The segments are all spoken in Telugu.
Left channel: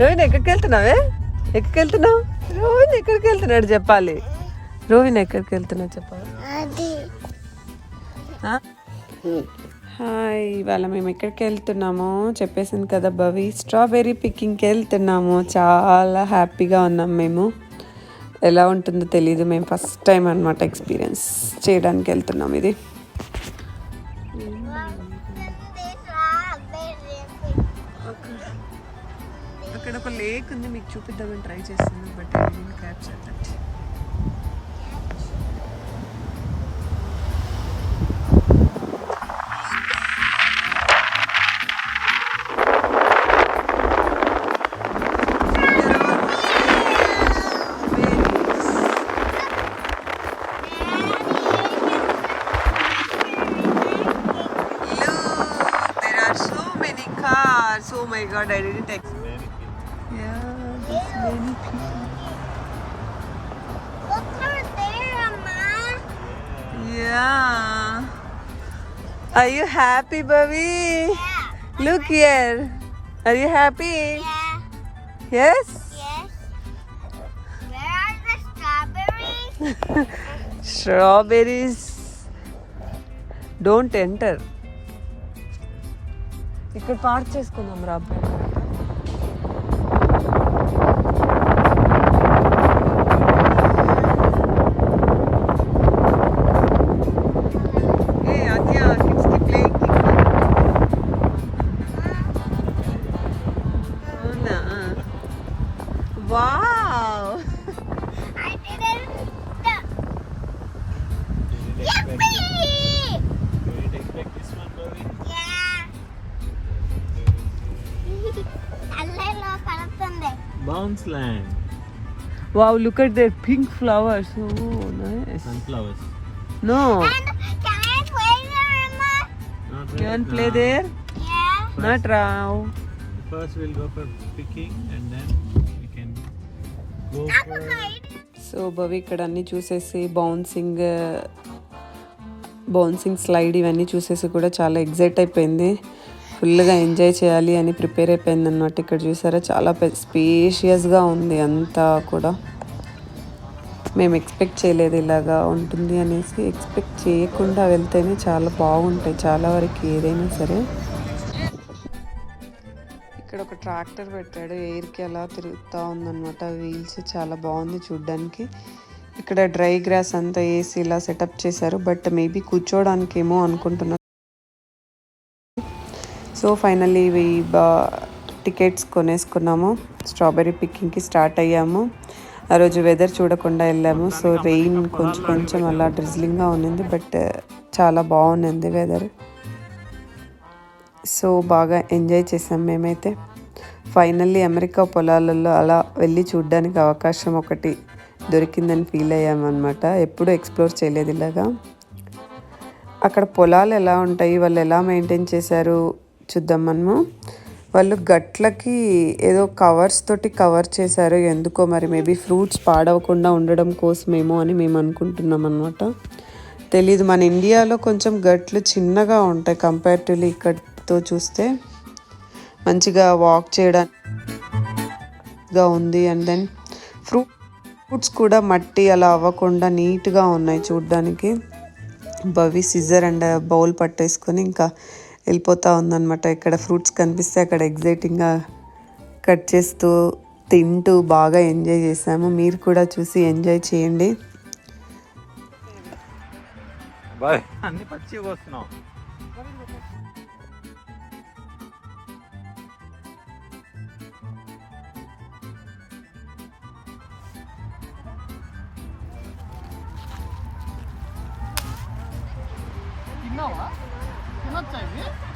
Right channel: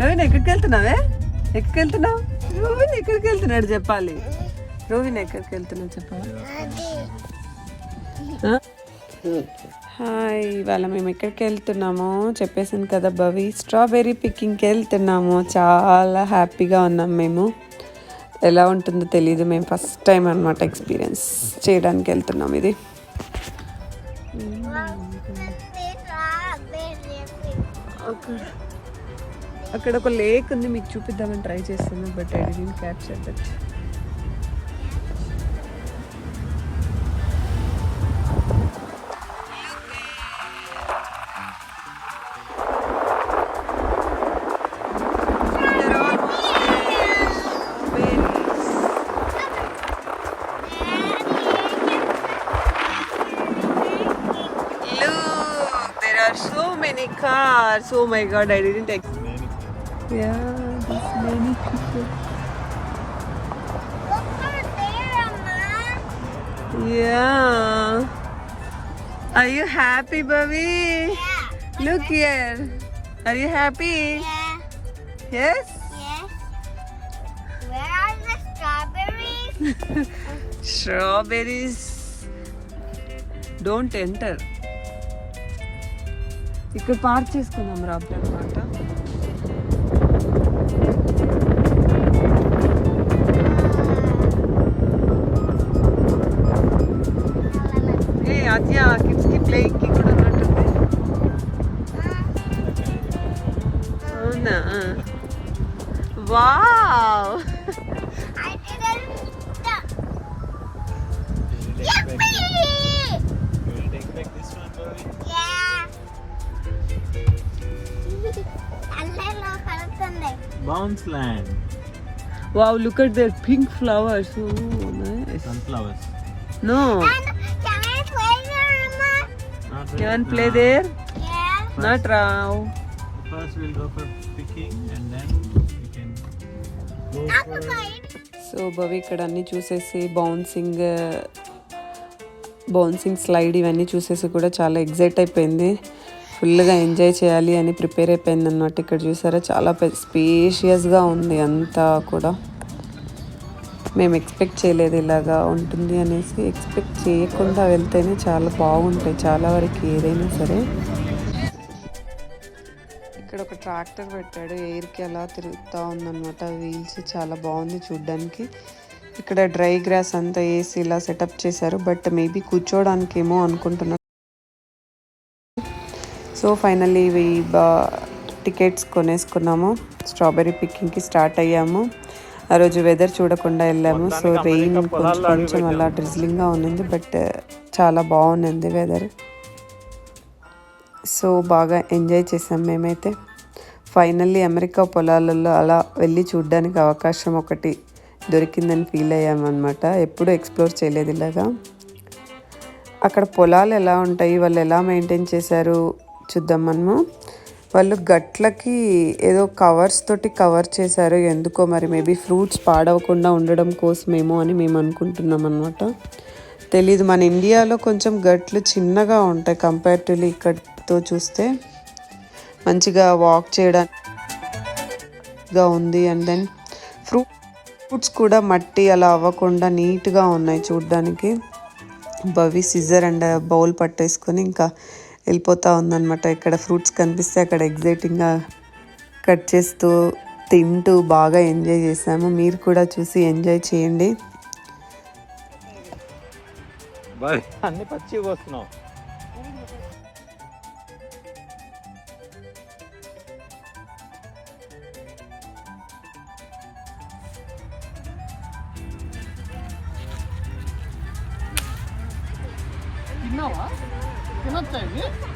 రోహిణి ఎక్కడికి వెళ్తున్నావే? ఎక్కడికి వెళ్తున్నావు? రోహిణి ఎక్కడికి వెళ్తున్నాడు చెప్పాలి. రోహిణి ఎక్కడికి వెళ్తున్నావు చెప్పాలి. హాయ్, ఇవాళ మేము ఎక్కడికి వెళ్తున్నామో చెప్పేసాను కదా భవి. స్ట్రాబెర్రీ పికింగ్కి వెళ్తున్నాము. చాలా హ్యాపీగా ఉన్నాం మేము. ఎలా ఉంటుందో తెలీదు. మేము ఫస్ట్ టైం అనమాట ఎక్స్పీరియన్స్ చేయడానికి వెళ్తున్నాం ఇది. అక్కడ ఒక లేక్ ఉంది, మీకు చూపిద్దామని ట్రై చేస్తున్నాం, but I didn't capture that. So many cars. Oh my god, I didn't expect. Yeah, there's many people. Look over there, Amma. Yeah. Are you happy, Bobby? Yeah. Look here. Are you happy? Yeah. Yes? Yes. Where are the strawberries? Strawberries. Don't enter. ఇక్కడ పార్క్ చేసుకున్నాం రా. అవునా? Wow. I didn't. Yippee! Bounce land. Wow, look at their pink flowers. Oh, nice. Sunflowers. No. And can I play there, Emma? You want to play there? Yeah. Not now. First we'll go for picking and then we can go for... సో భవి ఇక్కడ అన్నీ చూసేసి బౌన్సింగ్ స్లైడ్ ఇవన్నీ చూసేసి కూడా చాలా ఎగ్జైట్ అయిపోయింది. ఫుల్గా ఎంజాయ్ చేయాలి అని ప్రిపేర్ అయిపోయింది అన్నమాట. ఇక్కడ చూసారా, చాలా స్పేషియస్గా ఉంది అంతా కూడా. మేము ఎక్స్పెక్ట్ చేయలేదు ఇలాగా ఉంటుంది అనేసి. ఎక్స్పెక్ట్ చేయకుండా వెళ్తేనే చాలా బాగుంటాయి చాలా వరకు ఏదైనా సరే. ఇక్కడ ఒక ట్రాక్టర్ పెట్టాడు, ఎయిర్కి అలా తిరుగుతూ ఉందన్నమాట. వీల్స్ చాలా బాగుంది చూడ్డానికి. ఇక్కడ డ్రై గ్రాస్ అంతా వేసి ఇలా సెటప్ చేశారు, బట్ మేబీ కూర్చోడానికి ఏమో అనుకుంటున్నాను. సో ఫైనల్లీ ఇవి టికెట్స్ కొనేసుకున్నాము. స్ట్రాబెర్రీ పికింగ్కి స్టార్ట్ అయ్యాము. ఆ రోజు వెదర్ చూడకుండా వెళ్ళాము. సో రెయిన్ కొంచెం అలా డ్రిజ్లింగ్గా ఉన్నింది, బట్ చాలా బాగుంది వెదర్. సో బాగా ఎంజాయ్ చేసాం మేమైతే. ఫైనల్లీ అమెరికా పొలాలలో అలా వెళ్ళి చూడడానికి అవకాశం ఒకటి దొరికిందని ఫీల్ అయ్యామన్నమాట. ఎప్పుడూ ఎక్స్ప్లోర్ చేయలేదు ఇలాగా. అక్కడ పొలాలు ఎలా ఉంటాయి, వాళ్ళు ఎలా మెయింటైన్ చేశారు చూద్దాం మనము. వాళ్ళు గట్లకి ఏదో కవర్స్ తోటి కవర్ చేశారు, ఎందుకో మరి. మేబీ ఫ్రూట్స్ పాడవకుండా ఉండడం కోసమేమో అని మేము అనుకుంటున్నాం అనమాట. తెలీదు. మన ఇండియాలో కొంచెం గట్లు చిన్నగా ఉంటాయి కంపేరిటివ్లీ ఇక్కడతో చూస్తే. మంచిగా వాక్ చేయడానికి ఉంది. అండ్ దెన్ ఫ్రూట్స్ కూడా మట్టి అలా అవ్వకుండా నీట్గా ఉన్నాయి చూడ్డానికి. భవి సిజర్ అండ్ బౌల్ పట్టేసుకొని ఇంకా వెళ్ళిపోతూ ఉందన్నమాట. ఇక్కడ ఫ్రూట్స్ కనిపిస్తే అక్కడ ఎగ్జైటింగ్గా కట్ చేస్తూ తింటూ బాగా ఎంజాయ్ చేసాము. మీరు కూడా చూసి ఎంజాయ్ చేయండి. అన్ని పచ్చి వస్తున్నావు.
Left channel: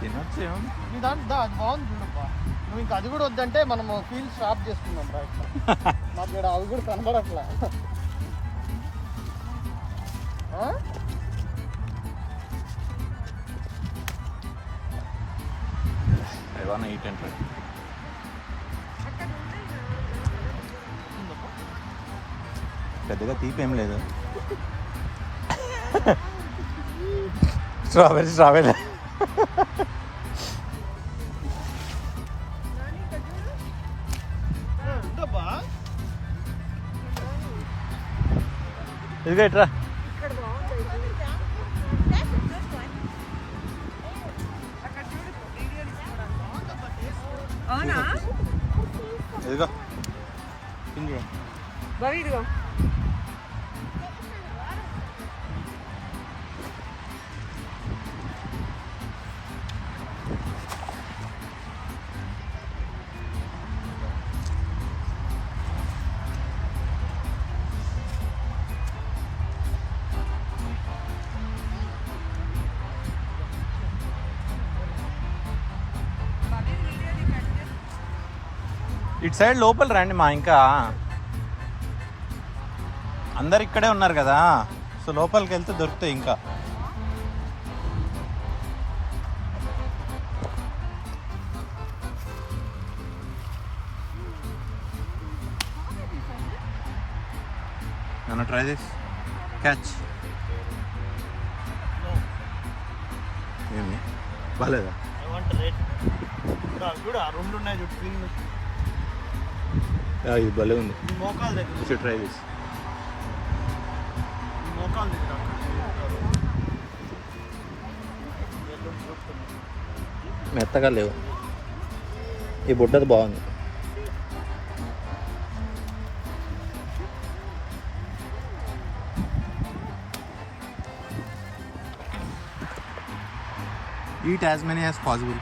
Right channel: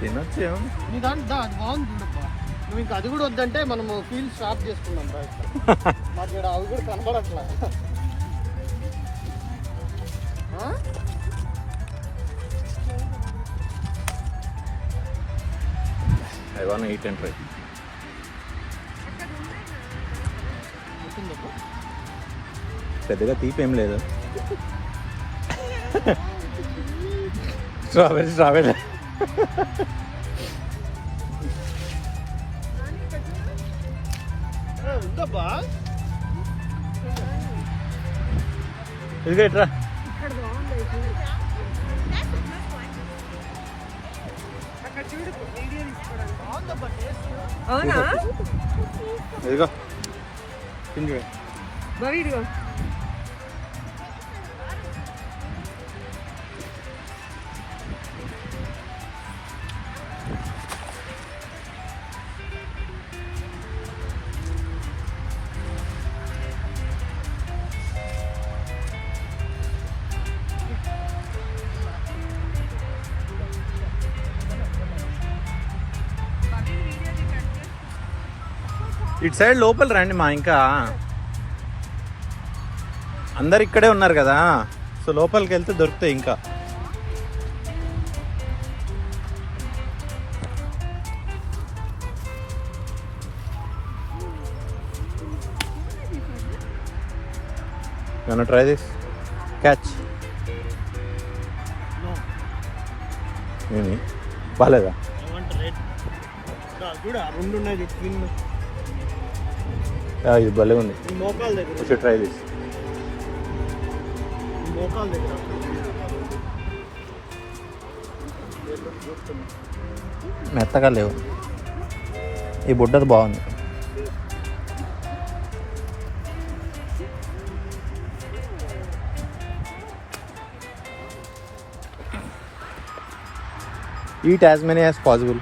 తినొచ్చు. నీ దాంట్లో బాగుంది. నువ్వు ఇంకా అది కూడా వద్దంటే మనము ఫీల్ స్టాప్ చేసుకున్నాం. మాకు ఇక్కడ అవి కూడా కనబడట్లా. I wanna eat and try. పెద్దగా తీపి ఏం లేదు. స్ట్రాబెర్రీ వద్దబ్బా. ఇదిగో ఇట్రా. అవునా ఇదిగో కింద బాగా ఇటు సైడ్ లోపల రండి మా, ఇంకా అందరు ఇక్కడే ఉన్నారు కదా, సో లోపలికి వెళ్తే దొరుకుతాయి ఇంకా. You wanna try this? Catch. ఏమి బాలేదా? చూడు ఆ రెండు ఉన్నాయి చూడు. ఇది భలే ఉంది. మోకాల దగ్గర ట్రై దిస్. మోకాల దగ్గర మెత్తగా లేవు. ఈ బుడ్డది బాగుంది. Eat as many as possible.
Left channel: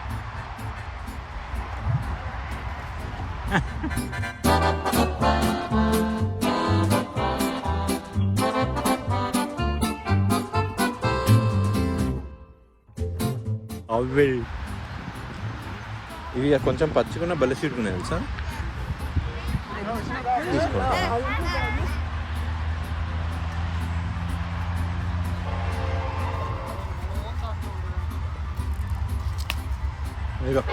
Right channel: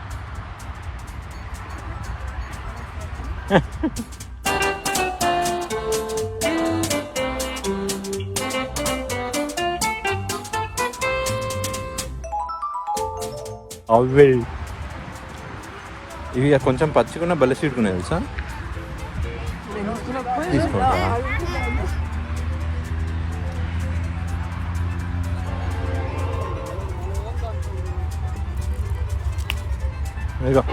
Always. ఇవి కొంచెం పచ్చుకున్న బెల్ల సీటుకున్నాయి తెలుసా? తీసుకో. ఇదిగో.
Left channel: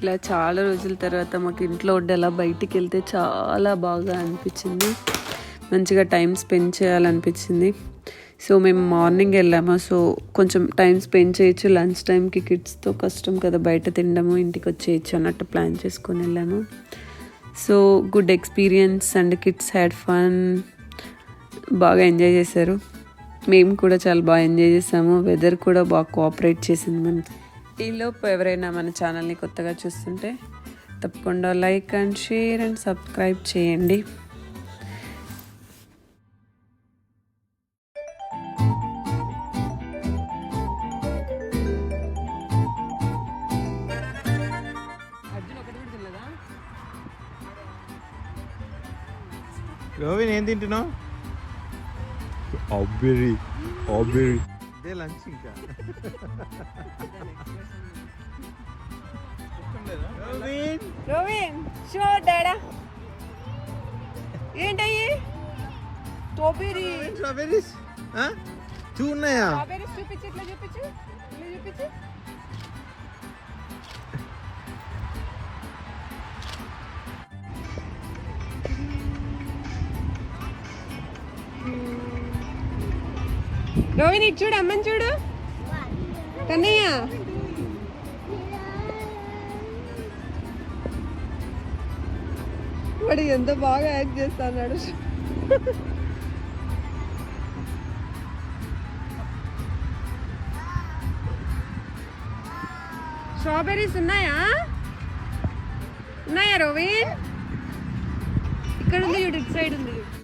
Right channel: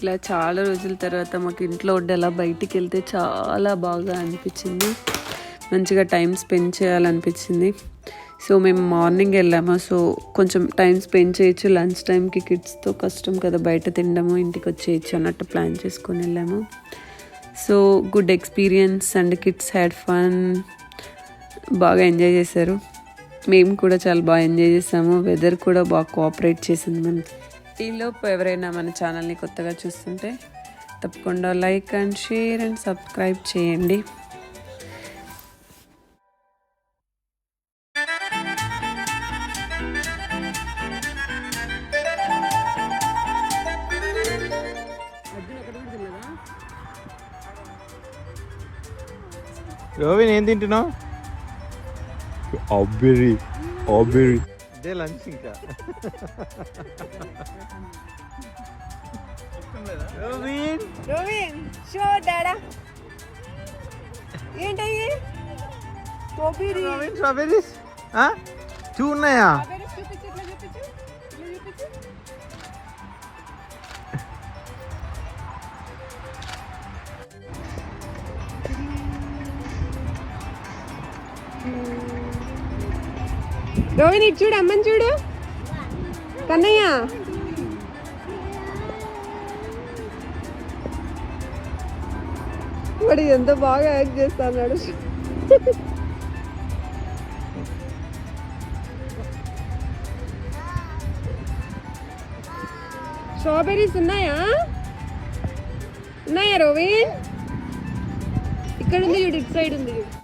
ఇలా చాలా రోజుల తర్వాత మాకు ఇంట్లో ఉండి అలా బయటికి వెళ్తే చాలా బాగా అనిపించింది. మంచిగా టైం స్పెండ్ చేయాలనిపించింది. సో మేము మార్నింగ్ వెళ్ళాము. సో కొంచెం టైం స్పెండ్ చేయొచ్చు. లంచ్ టైంకి కిడ్స్తో కష్టం కదా బయట తినడము, ఇంటికి వచ్చేయచ్చు అన్నట్టు ప్లాన్ చేసుకొని వెళ్ళాము. So good experience and kids had fun. బాగా ఎంజాయ్ చేశారు. మేము కూడా చాలా బాగా ఎంజాయ్ చేసాము. వెదర్ కూడా బాగా కోఆపరేట్ చేసింది మనకి. ఈలోపు ఎవరైనా మన ఛానల్ని కొత్తగా చూస్తుంటే తప్పకుండా like and share and subscribe చేయండి. రోవిన్ ఏం తింటున్నావు? ఆబెర్రీ. ఆబెర్రీ ఇదే లంచ్ ఇంకా. రోవిన్ రోవిన్ షో డాడా ఏంటయ్యి? స్ట్రాబెర్రీ. స్ట్రాబెర్రీస్ టూ ఉన్నాయా? స్ట్రాబెర్రీస్ చూపించు, ఇట్లా చూపించు, ఇట్లా చూపించు. రోహిణి ఇటు చూడు, అమ్మని చూడు. కన్నయ్య వాడు ఎంత బాగా యాక్ట్ చేస్తున్నాడు. స్ట్రాబెర్రీస్ ఉన్నాయా? ఉన్నాయా రోవిన్? ఇక్కడ ఉంది చూడు, ఇటు సైడ్ ఉంది చూడు.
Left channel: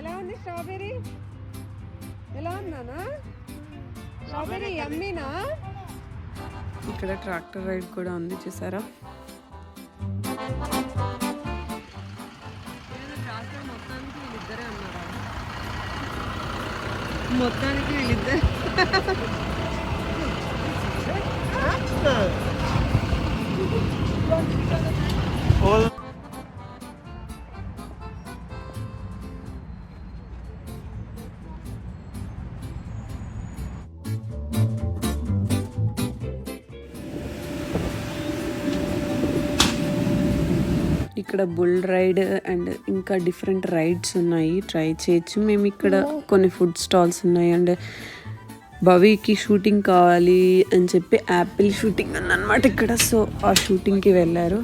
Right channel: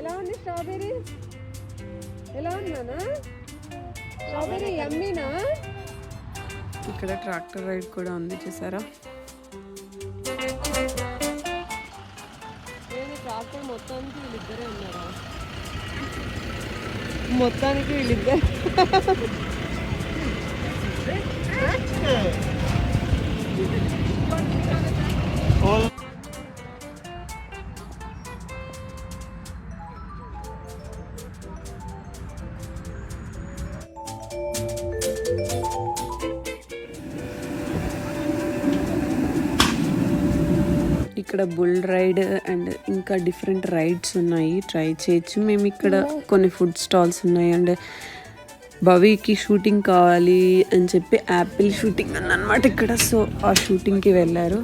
ఎలా ఉంది స్ట్రాబెర్రీ? ఎలా ఉన్నానా? స్ట్రాబెర్రీ యమ్మీనా? ఇక్కడ ట్రాక్టర్ రైడ్ కూడా ఉంది, చూసారా? మొత్తానికి వీళ్ళిద్దరే ఉన్నారా? మొత్తానికి వీళ్ళిద్దరు ఇక్కడ బుల్ రైడ్ అండ్ ఇంకా డిఫరెంట్ రైడ్స్ ఉన్నాయి, ట్రై చేయొచ్చు. మేము ఇక్కడ కొన్ని ఫుడ్ స్టాల్స్ ఉన్నాయి అండ్ భవికి షూటింగ్ కావాలి అని చెప్పి యాపిల్ షూటింగ్ ఉందన్నమాట ఇక్కడ. సో ఆ షూటింగ్కి వెళ్ళారు.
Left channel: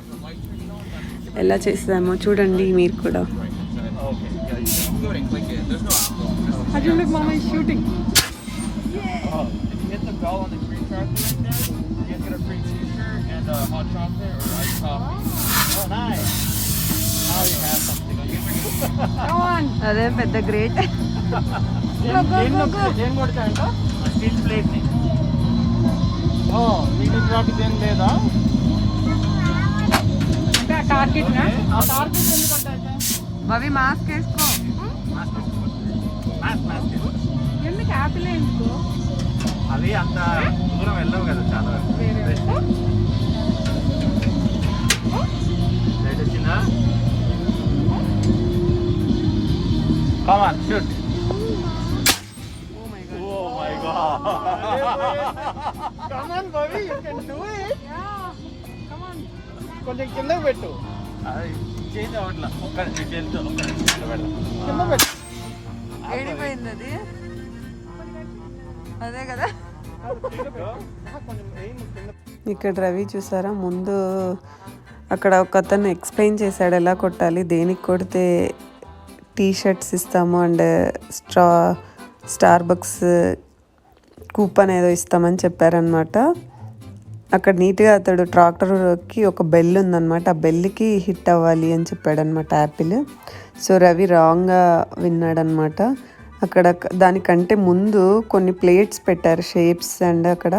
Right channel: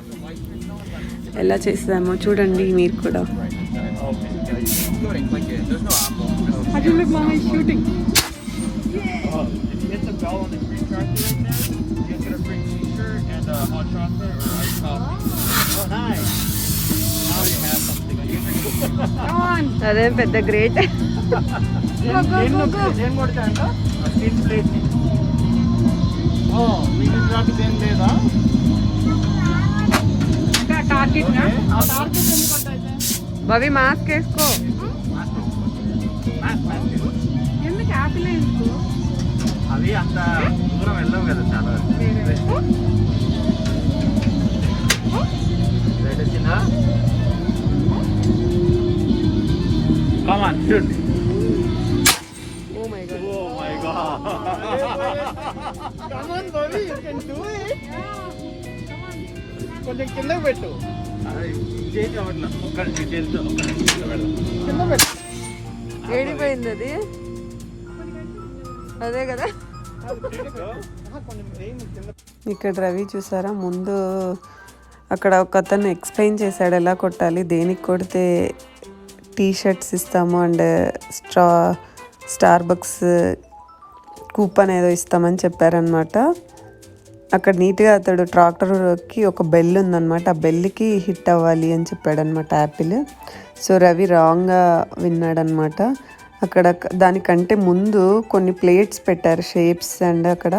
ఎలా చేసామో చూడండి మీరు కూడా. అదే పెద్ద గ్రేట్. లేదా భవి మాస్క్ వేసుకో. ఎందుకు యాపిల్ ఎందుకు? అవి అంత దూరం వెళ్ళవు కదా చాలా. వచ్చిందా? Come on, shoot. Oh my god. Oh my god. Come on, Bobby, you can do it. కొంచెం కిందకి పెట్టు. చేతి అవట్లా. ఒక్క చేతితో కింద పెట్టు. ఏడిపోయింది అది. అదే కదా. ఇక్కడ రవి చూసారా, ముందు అక్కడ ఒక అతను ఎక్స్ప్లెయిన్ చేశాడు ఎలా కొట్టాలి, దేనికి కొడితే టీ షర్ట్స్ ఇస్తాము అండ్ స్టార్బక్స్ కూపన్ ఏదో ఇస్తామని చెప్పారనమాట. అక్కడ నీట్గా అతడు ట్రాక్టర్కి ఒక బెల్ ఉందన్నమాట, ఆ బెల్కి హిట్ అవ్వాలి అని చెప్పాడనమాట యాపిల్. సో రవి రాంగ్గా విన్నాడనమాట. అక్కడ దానికంటే ముందు కొన్ని ప్లేట్స్ పెట్టారు షేప్స్ అండ్ అక్కడ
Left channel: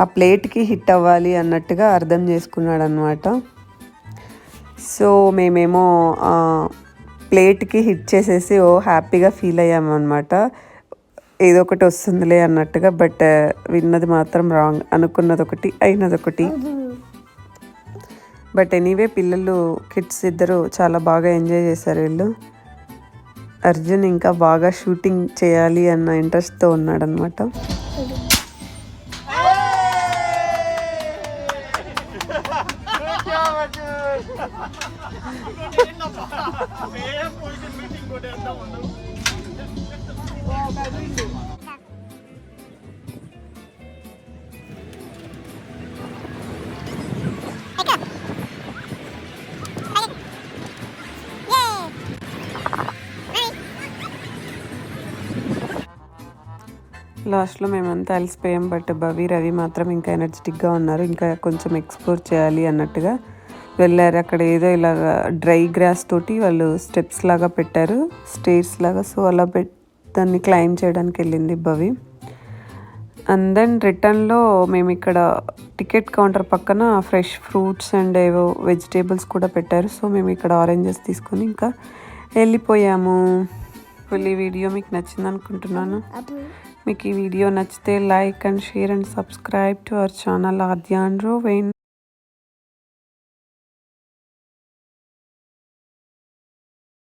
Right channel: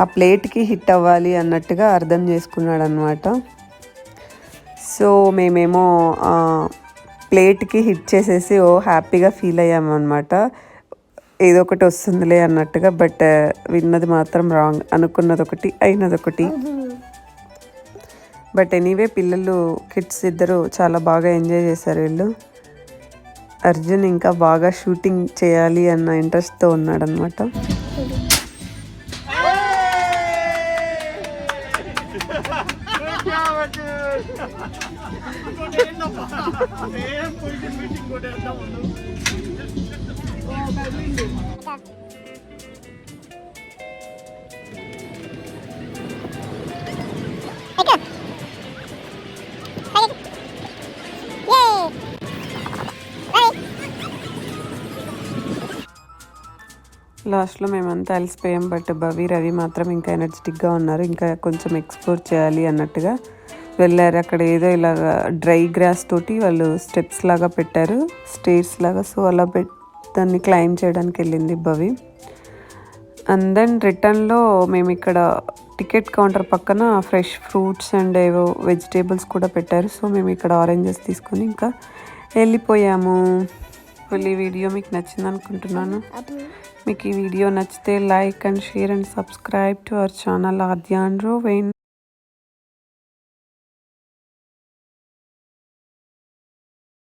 ఆ ప్లేట్కి హిట్ అవ్వాలి అన్నట్టుగా అర్థం చేసుకున్నాడు అనమాట. సో మేమేమో ప్లేట్కి హిట్ చేసేసి హ్యాపీగా ఫీల్ అయ్యామన్నమాట, ఏదో ఒకటి వస్తుందిలే అన్నట్టుగా. బట్ విన్నది మాత్రం రాంగ్, అనుకున్నది ఒకటి అయినది ఒకటి. బట్ ఎనీవే పిల్లలు కిడ్స్ ఇద్దరు చాలా బాగా ఎంజాయ్ చేశారు వీళ్ళు. అర్జున్ ఇంకా బాగా షూటింగ్ చేయాలి అన్న ఇంట్రెస్ట్తో ఉన్నాడనమాట. లాస్ట్లో మేమంతా అలసిపోయాం. బట్ భవి రవి మాత్రం ఇంకా ఎనర్జెటిక్గా ఉన్నారు, ఇంకా కొంచెం ఎక్స్ప్లోర్ చేయాలి అన్నట్టుగా వెళ్ళారు. అక్కడ ఏదో ఇలాగ డ్రై గ్రాస్ తోటి వాళ్ళు స్టెప్స్ లాగా పెట్టారు, స్టేర్స్ లాగా. సో అలా దాన్ని క్లైమ్ చేయడానికి వెళ్ళింది భవి. అండ్ దెన్ రిటర్న్లో మేము ఇక్కడ టికెట్ కౌంటర్ పక్కన ఫ్రెష్ ఫ్రూట్స్ అండ్ ఏవో వెజిటేబుల్స్ కూడా పెట్టారు. సో మేము ఇక్కడ ఆరెంజెస్ తీసుకొని ఇంకా వెళ్ళిపోయాము. ఈ వీడియో మీకు నచ్చింది అనుకుంటున్నాను. మీకు ఈ వీడియో నచ్చితే like and share and subscribe to our channel Aadya and రోవెన్.